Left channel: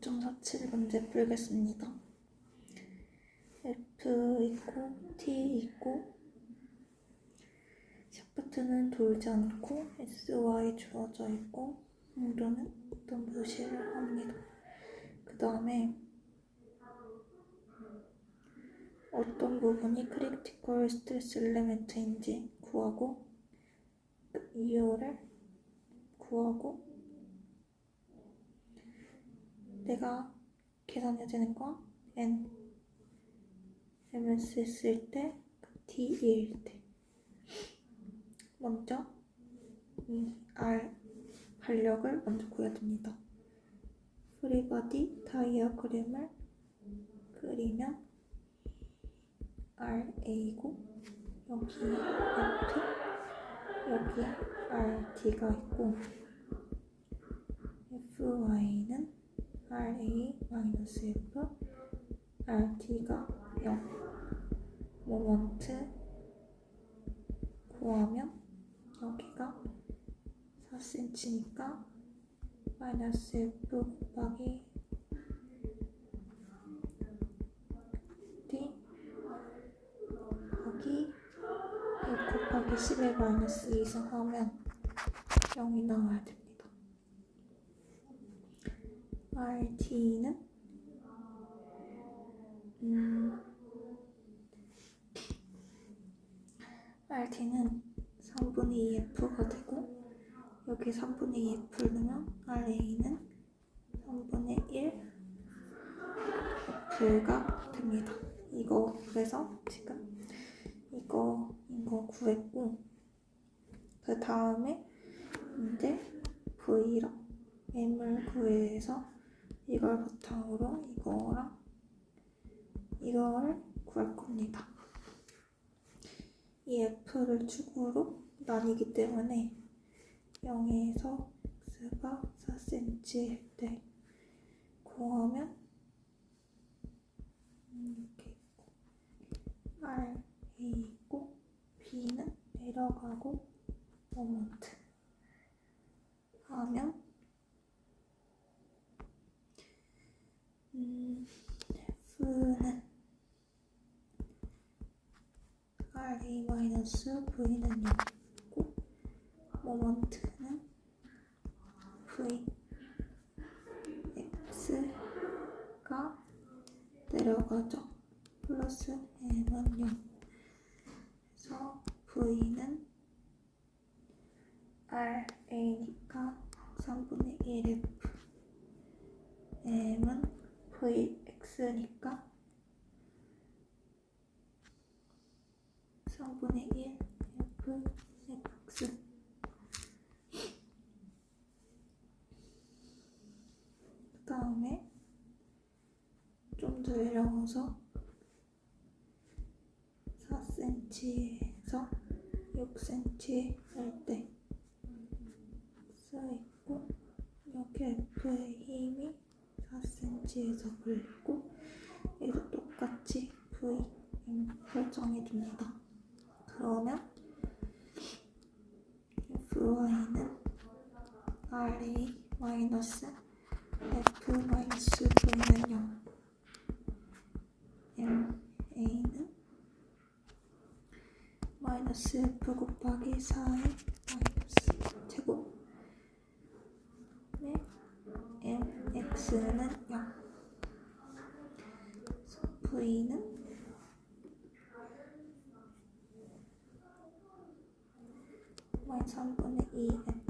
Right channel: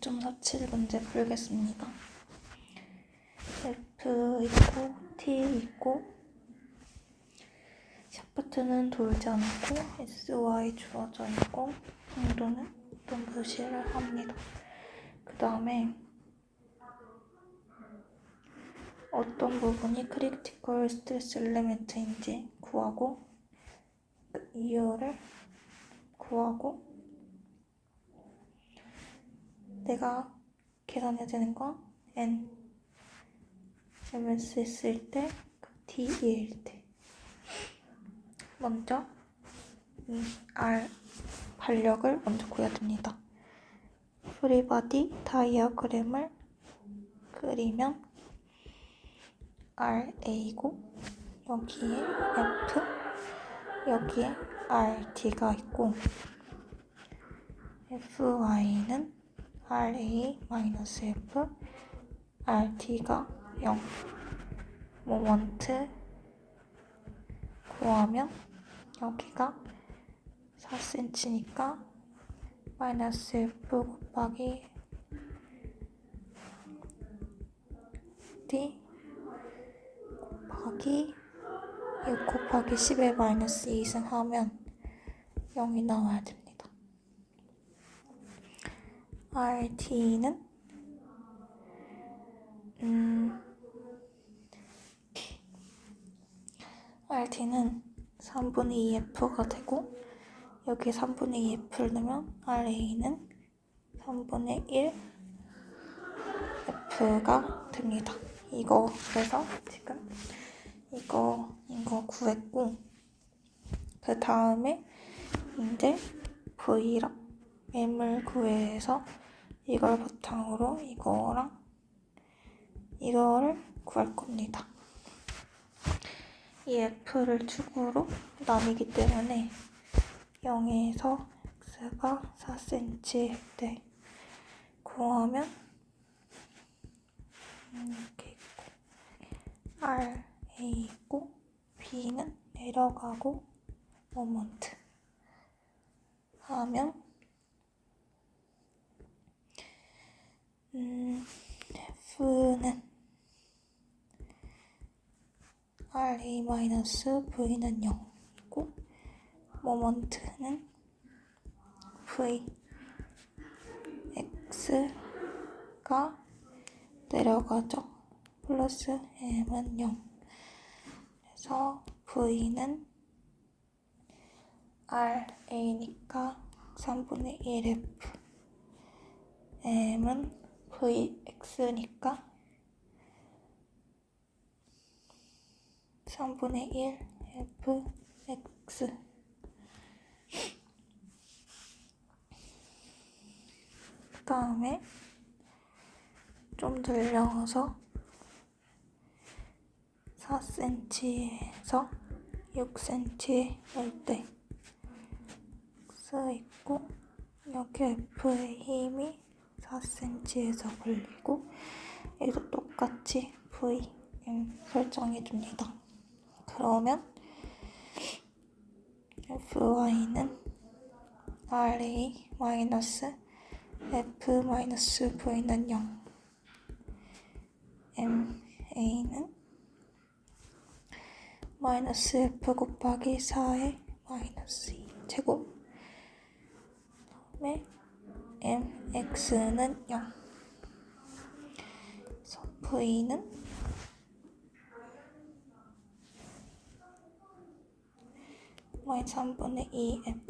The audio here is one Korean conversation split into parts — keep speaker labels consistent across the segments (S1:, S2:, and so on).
S1: 2.47 문제 풀겠습니다. F 있고 T 있고 샤프트는 돌지 않고 SY 주어져 있고 강도는 어떤 표시를 합니다. 그 다음에 어떤 부분이 크리티컬 스트레스 엘리멘트인지 구하고 그 이유를 구하고 내가 계산해야 되는 건 n MSS일 때, 그 T일 때. 먼저 이 R 반력을 먼저 구해야 됩니다. 프리바디 다이아그램을 그리면 RA고 여기에 F 여기에 RT가 있고 FY는 RA-F RT가 0 모먼트 구하면 여기가 4cm니까 마이너스 F 곱하기 D 곱하기 6 곱하기 10의 마이너스 2승 하면 0이 나와야 됩니다. RT는 음, RT는 3분의 2F가 되고 여기 3분의 2F를 넣으면 RA는 3분의 1 F가 됩니다. 이거 그래서 지금 이거 이거 구했고 그 다음에 이제 V랑 M을 구해서 이걸 바탕으로 이거랑 이거를 구할 겁니다. 이 F를 축으로 나뉘기 때문에 0에서 X가 4cm일 때 구하면 이렇게 있고 R, A 있고 B는 내려가고 모먼트 하면 음, F는 RA 마이너스 V는 0이고 모먼트는 V X가 내려가죠. 플러스 M은 0. 그래서 V는 RA니까 3분의 1F M은 VX니까? 3분의 1 FX. 그 다음에 좀 늘려서 4cm에서 6cm일 때 X 있고 여기 F의 힘이 4cm에서 걸리고 여기도 똑같이 V, M 설정해 줍니다. 그러면 FY는 RA 마이너스 F 마이너스 V는 0 MA는 마이너스 F 곱하기 4의 마이너스 2 제곱 다음에 MX는 0 그래서 V는 마이너스 3분의 2F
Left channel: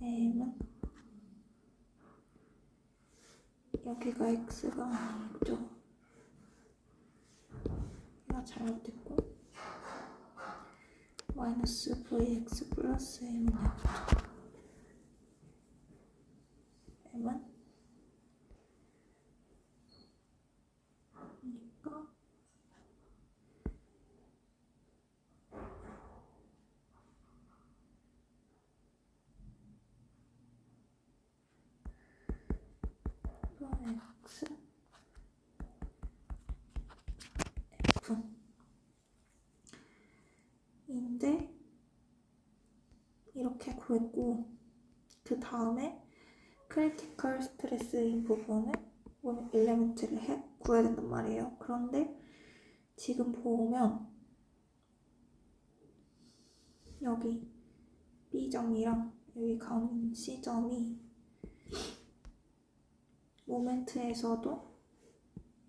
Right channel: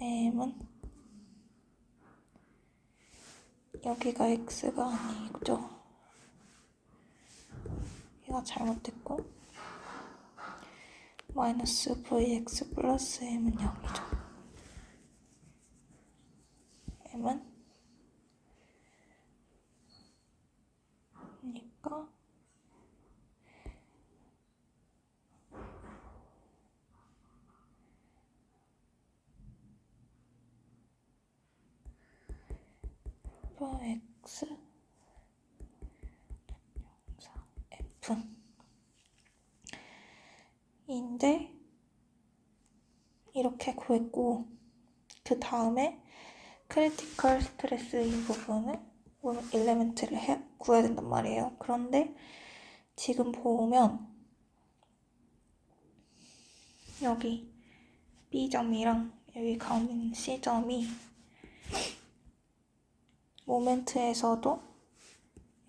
S1: M은 여기가 X가 아니죠. 얘가 잘못됐고 마이너스 VX 플러스 M은 0이죠 M은 그러니까 X F 인데 이렇게 구했고 그 다음에 크리티컬 스트레스 이 부분을 엘레멘트를 해, 구해야 된단 말이에요. 그런데 지금 보면 여기 B점이랑 여기 가운데 있는 C점이 모멘트에서도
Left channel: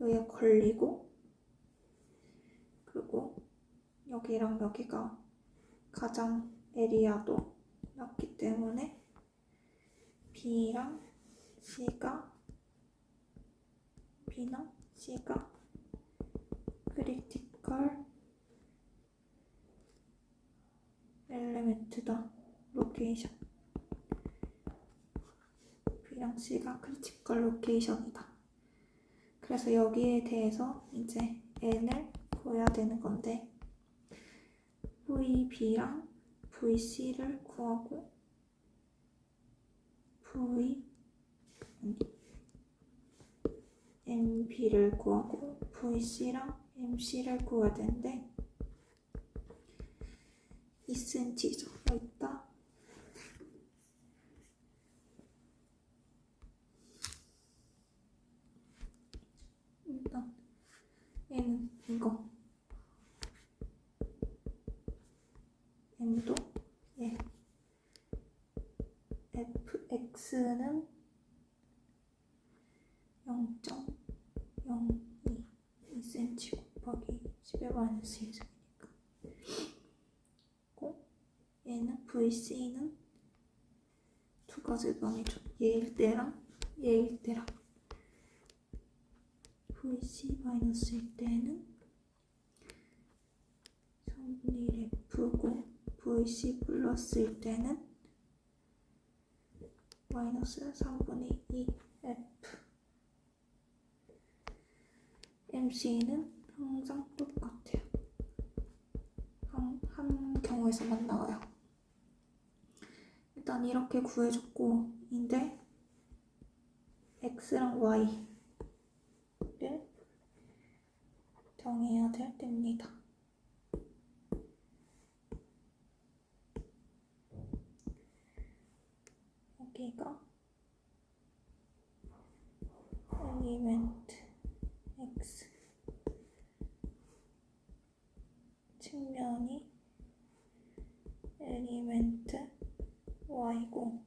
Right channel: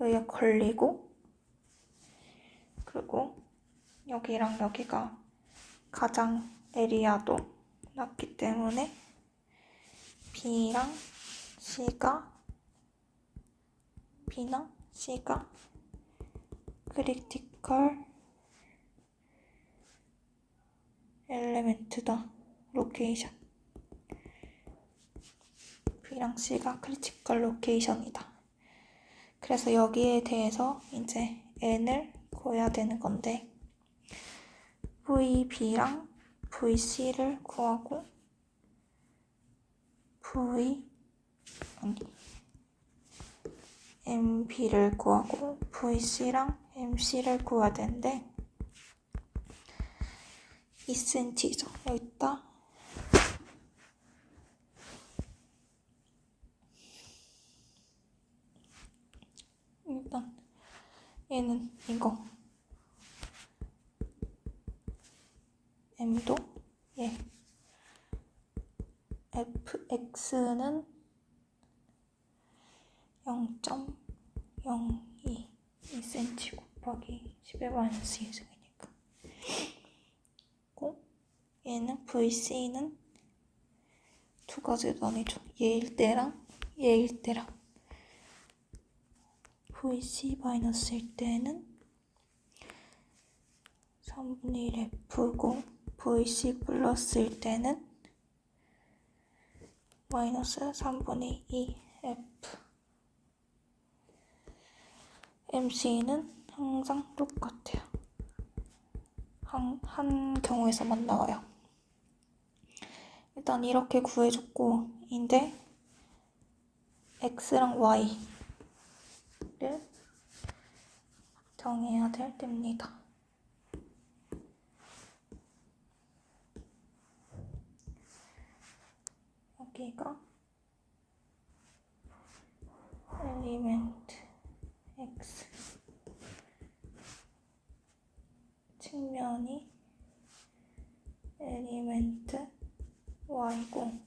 S1: 여기가 걸리고 그리고 여기랑 여기가 가장 에리아도 낮기 때문에 B랑 C가? B나 C가? 크리티컬 엘레멘트다. 로케이션 B랑 C가 크리티컬 로케이션이다. 그래서 여기에 대해서 이제 N을 구해야 되는 건데 VB랑 VC를 구하고 V MB를 구하고 VC랑 MC를 구해야 되는데 2cm죠. 여기다 일단 얘는 이거 M도 얘 fx는 0.02 2cm 곱하기 10의 마이너스 2승이니까. 고 얘는 vc는 두 가지로 나뉘죠 얘일 때랑 얘일 때랑. Vc 마이너스일 때는 3분의 1 f고 vc 플러스일 때는 마이너스 3분의 2 f MC는 항상 똑같아요. 한, 한 경우에서만 나와요. 일단 이렇게 구해줬고 인데 X랑 Y를 정해야 될 때입니다. 여기가 엘리멘트 x 측면이 엘리멘트 y고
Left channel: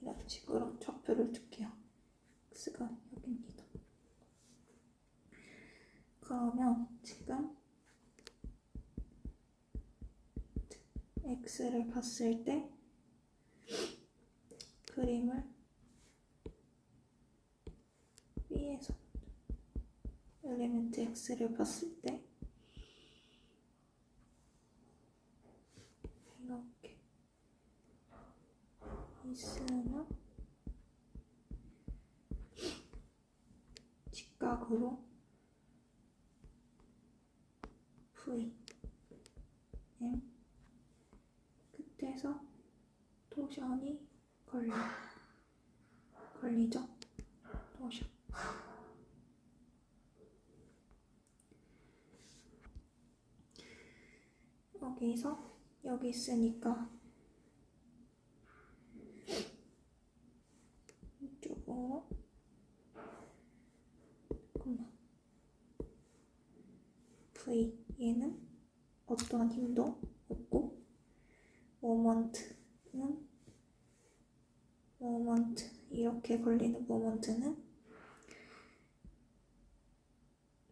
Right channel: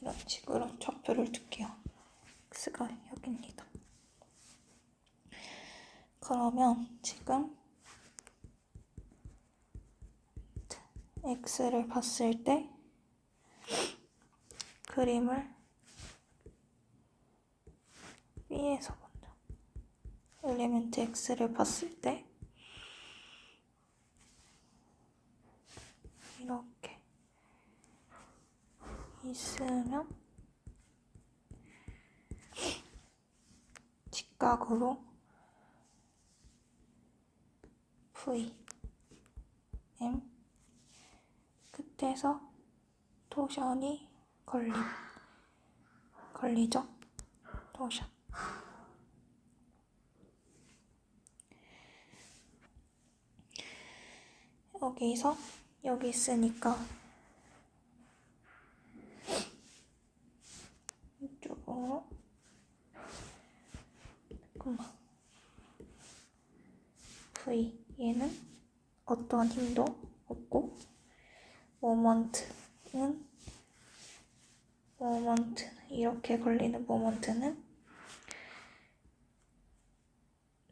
S1: 이런 식으로 좌표를 둘게요. x가 여기입니다. 그러면 지금 x를 봤을 때 그림을 위에서 본다. 엘리멘트 x를 봤을 때 이렇게 있으면 직각으로 v m 끝에서 토션이 걸림 걸리죠? 토션 여기서 여기 있으니까. 이쪽으로. 잠깐만. V. 얘는 어떠한 힘도 없고 모먼트는 모먼트 이렇게 걸리는 모먼트는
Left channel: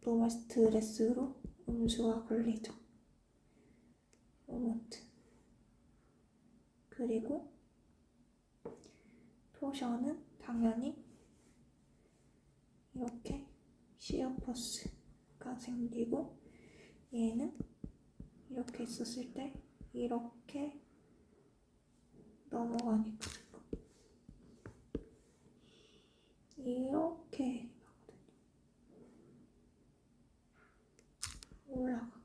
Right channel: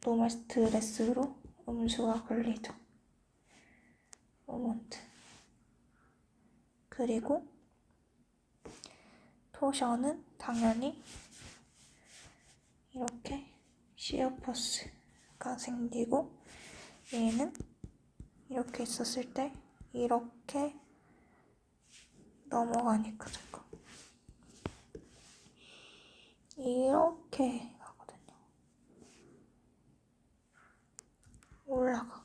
S1: 노멀 스트레스로 음수가 걸리죠. 모먼트 그리고 토션은 당연히 이렇게 시어퍼스가 생기고 얘는 이렇게 있었을 때 이렇게 넘어가니까 될까 이렇게 가거든요. 올라가.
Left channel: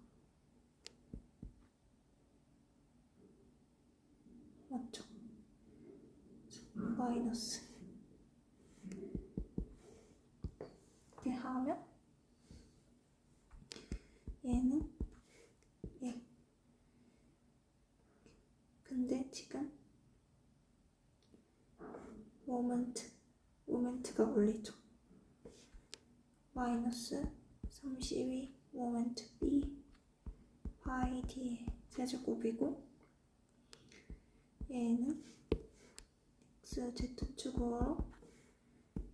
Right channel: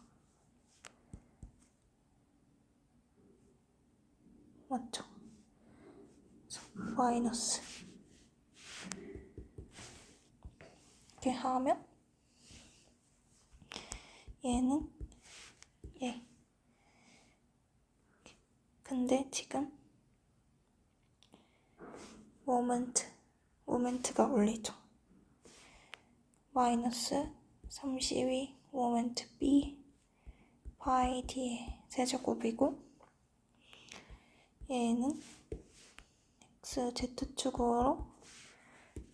S1: 맞죠? 마이너스. 이렇게 하면 얘는 얘. 지금 모멘트, 모멘트가 올리죠. 마이너스 32 모멘트 B 파이 D의 세제곱이고 얘는 X, Z축으로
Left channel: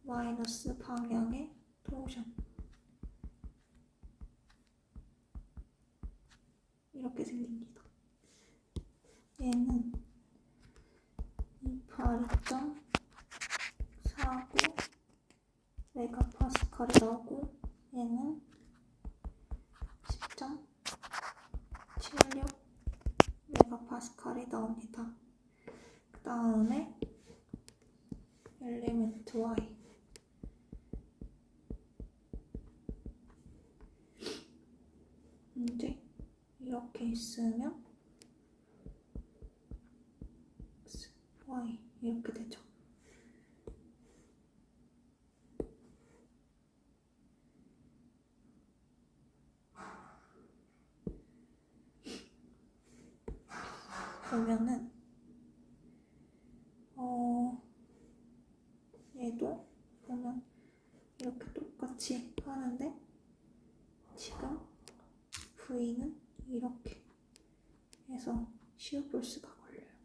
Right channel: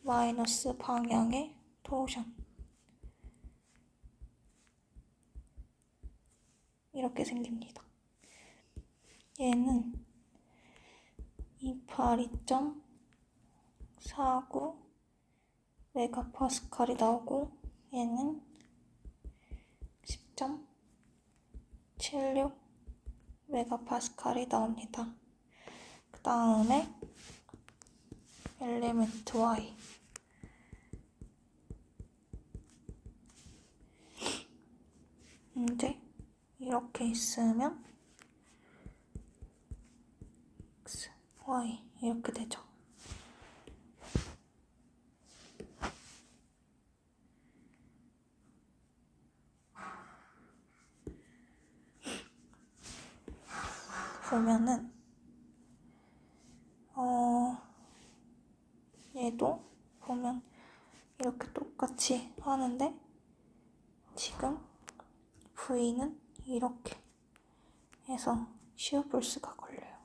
S1: 마이너스 방향의 토션 이렇게 생깁니다. 얘는 282.49 메가파스칼이 나오고 얘는 10.76 메가파스칼이 나옵니다. 그 다음에 엘리멘트 Y 이제 이렇게 있으면 X, Y 이렇게 되죠. 보면은 어 얘도 보면 이렇게 똑 같이 하는데 지금 V는 이렇게 해서 시어볼스가 걸려요.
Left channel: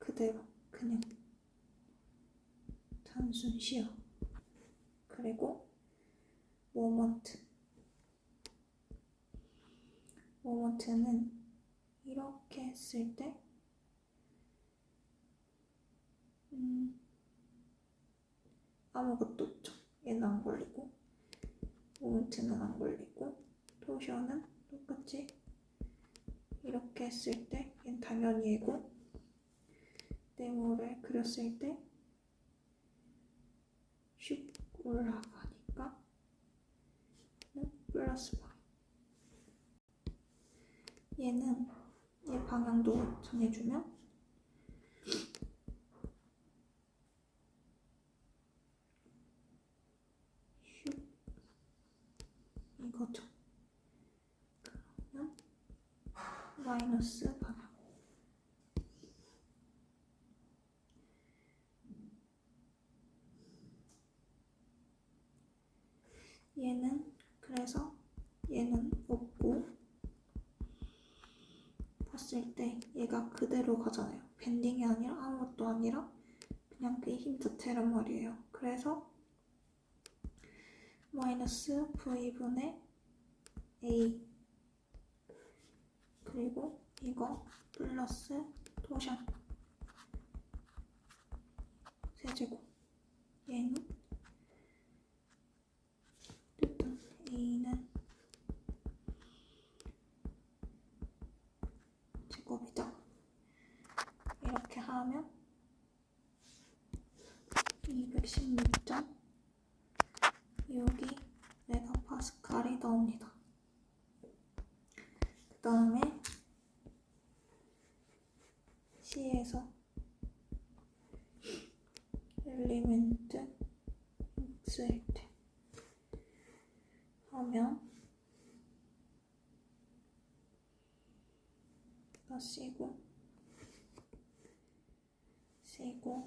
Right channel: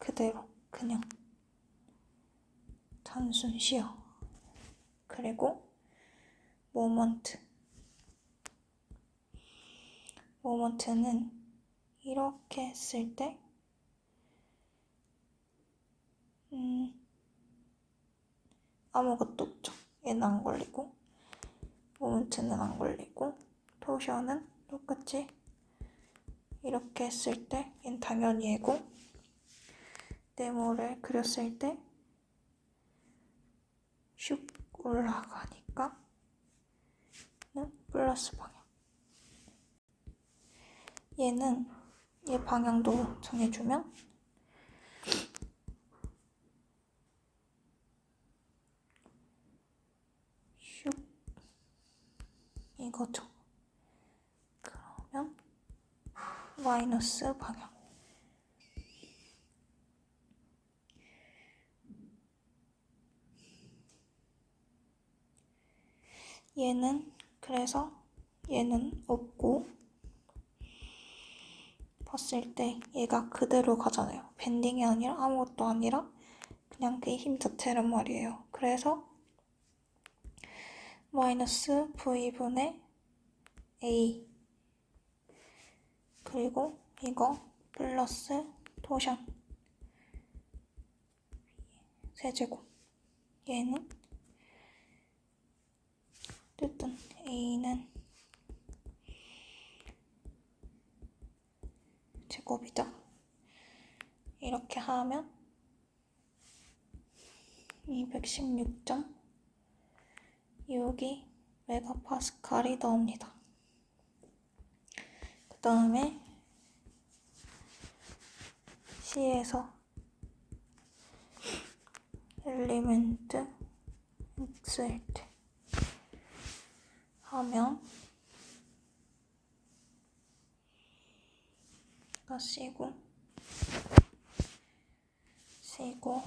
S1: 그대로 그냥 단순 시어 그리고 모먼트 모먼트는 이렇게 했을 때 음, 아무것도 없죠. 얘는 안 걸리고 모먼트는 안 걸리고 토션은 똑같이 이렇게 했을 때 얘는 당연히 얘고 네모를 그렸을 때 슉 올라가니까 는 플러스 방향. 얘는 얘 방향도 정해주면 슉 이 거죠. 그러면 마이너스 방향. 얘는 그래서 얘는 없고 봤을 때 얘가 그대로 가잖아요. 밴딩이 아니라 아무것도 아니라 그냥 그 힘 자체란 말이에요. 그래서 마이너스 V분의 A 그리고 이거 플러스 토션 세제곱 얘는 어쨌든 A는 제곱이죠. 이렇게 하면 216.62 메가파스칼이 나옵니다. 그 다음에 C에서 X일 때 하면 가 C고 C고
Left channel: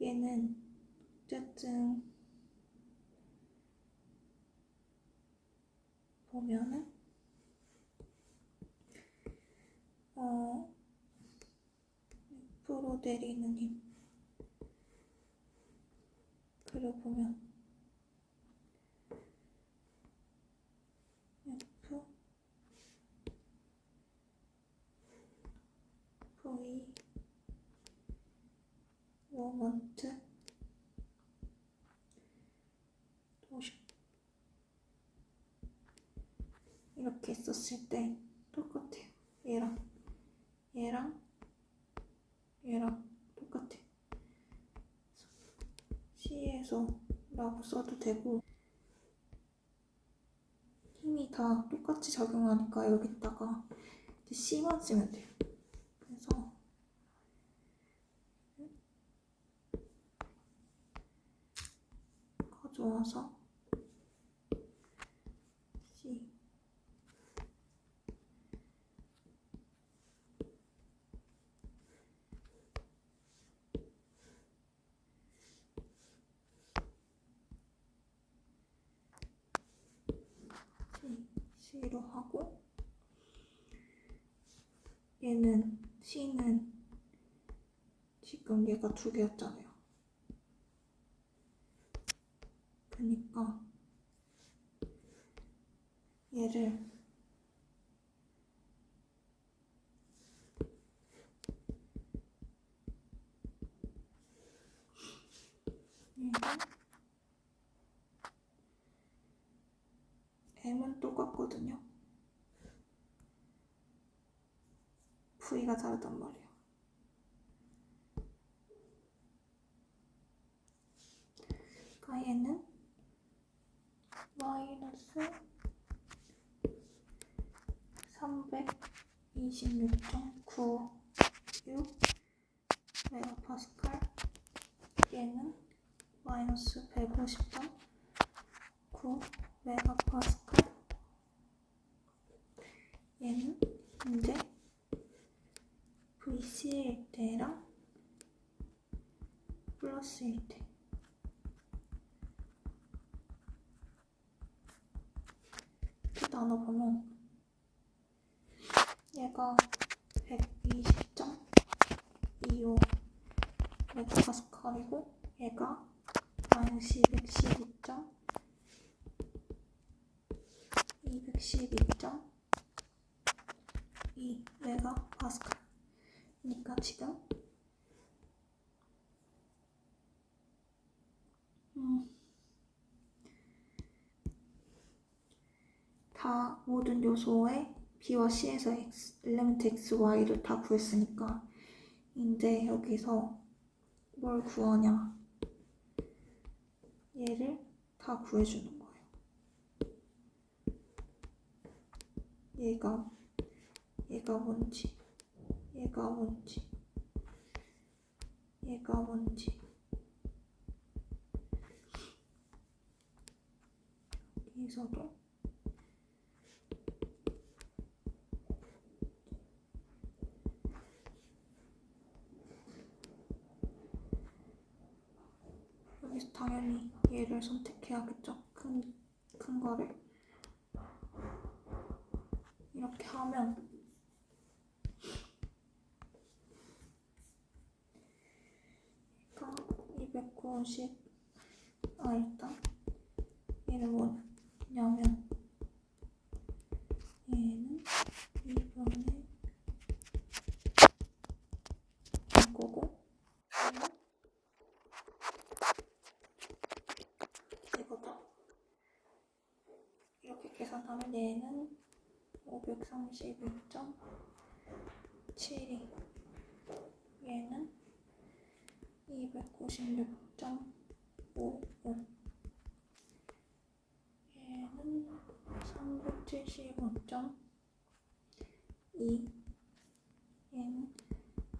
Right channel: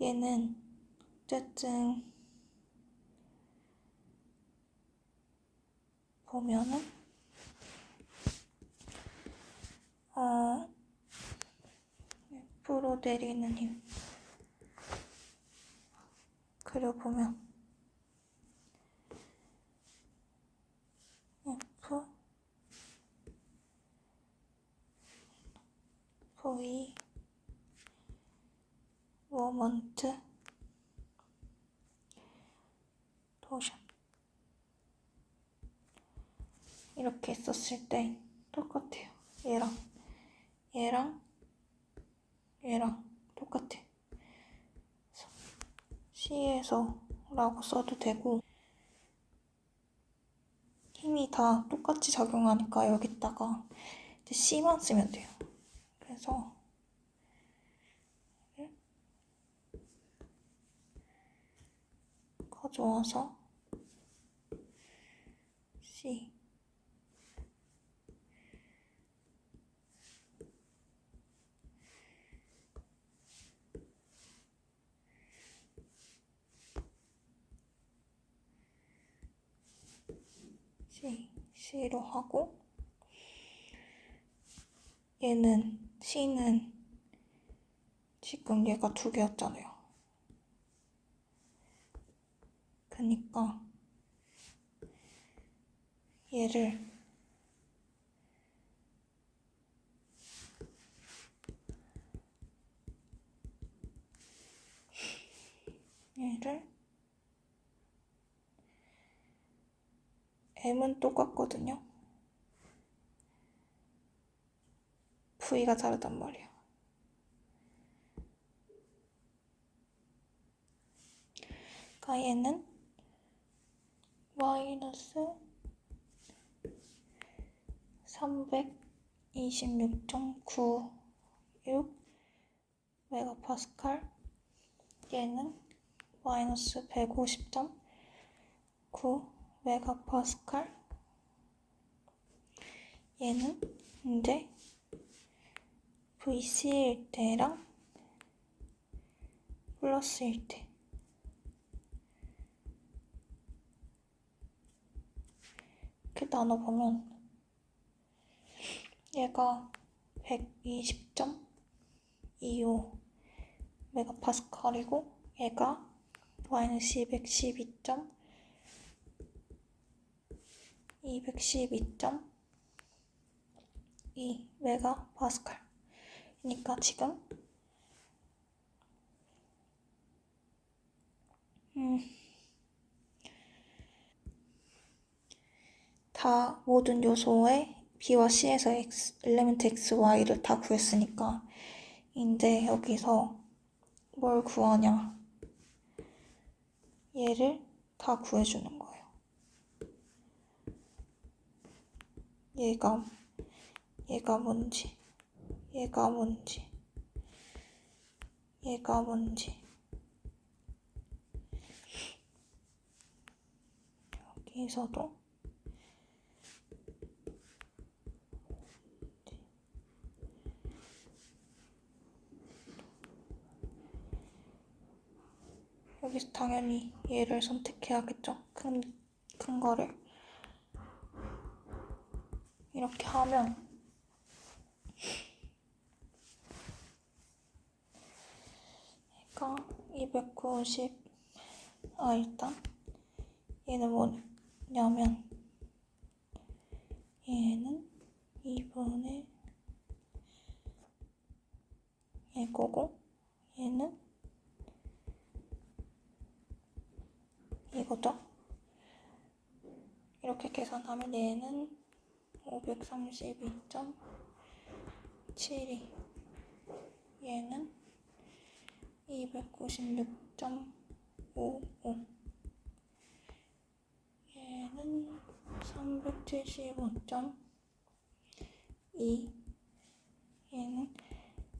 S1: 얘는 어쨌든 보면은 어 F로 내리는 힘. 그려보면 F V 모먼트 토션 이렇게 했었을 때 똑같아요. 얘랑 얘랑 얘랑 똑같아. C에서 라고 써도 되고 힘이 다 똑같이 작용하니까 여기다가 이제 C만 쓰면 돼요. 그래서 가져와서 C C, C로 하고 얘는 C는 지금 얘가 두 개였잖아요. 그니까 얘를 얘를 M은 똑같거든요. V가 다르단 말이에요. 그러니까 얘는 마이너스 326.96 메가파스칼 얘는 마이너스 150.9 메가파스칼 얘는 이제 VC일 때랑 플러스일 때 이렇게 나눠보면 얘가 120.25 메가파스칼이고 얘가 마이너스 212. 212.2 메가 파스칼 그러니까 지금 음, 다 모든 요소의 B와 C에서 X, 엘리멘트 X, Y를 다 구했으니까 이제 여기서 뭘 구하냐 얘를 다 구해주는 거예요. 얘가 얘가 뭔지 얘가 뭔지 얘가 뭔지 여기서도 여기서 당연히 얘를 선택해야겠죠. 큰, 큰 거를. 이렇게 하면 얘가 290, 아, 일단 얘는 뭐냐면 얘는 2분의 이거고 얘는 이거죠. 이렇게 계산하면 얘는 532.72 얘는 296.55 얘는 375.2 얘는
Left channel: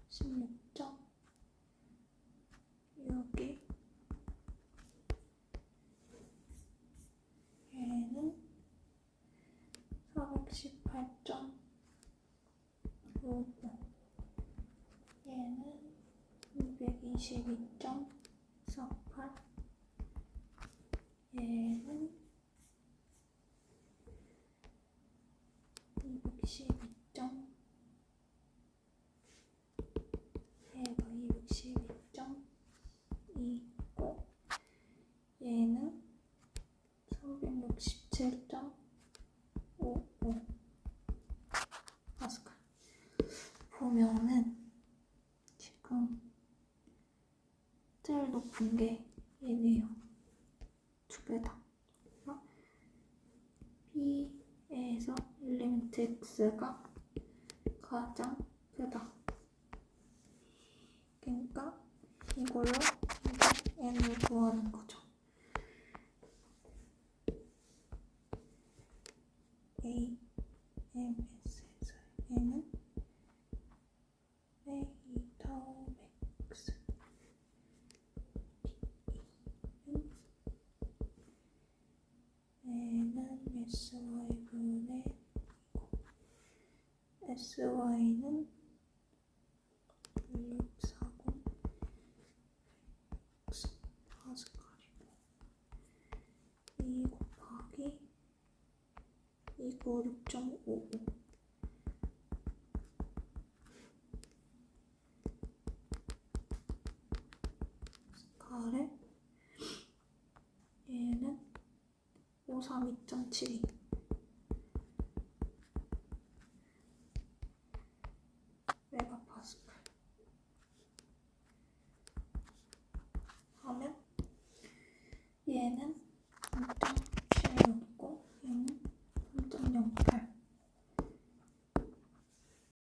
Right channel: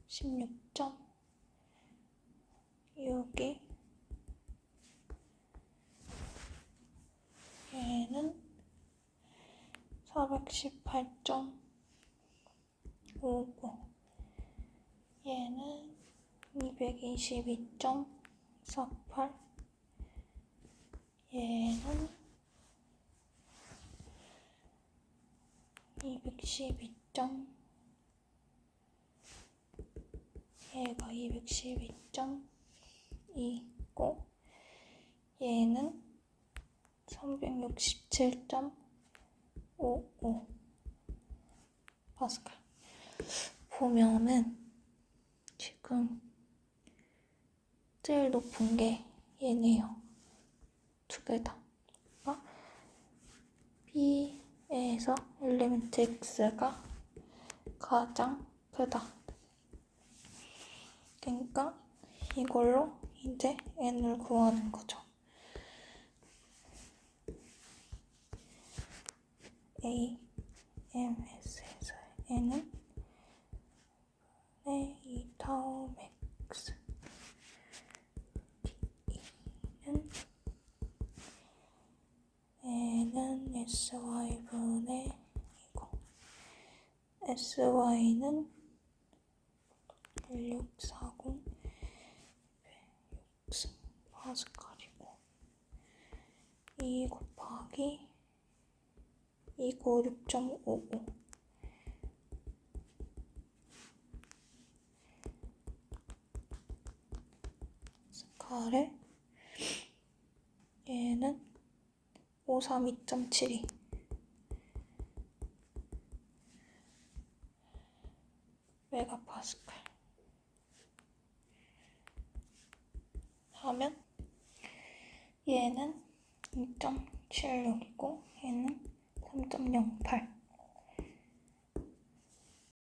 S1: 16.6이 얘는 418.59 얘는 222.48 얘는 212. 얘가 212.2고 얘는 367.55 파스칼. 보면은 지금 제일 높은 게 얘네요. 두 개 다. 그러니까 B에서 엘리멘트 X가 가장 크다. 그러니까 이걸로 이제 n을 구하는 거죠. A, M, S에서 n은 네, 2타워 맥스 D는 n은 sy분의 이거 sy는 1640 160 파스칼이고 2 곱하기 296.55 스카를 얘는 53 2.72 메가파스칼. 하면 얘는 2.76이고 얘는 3.08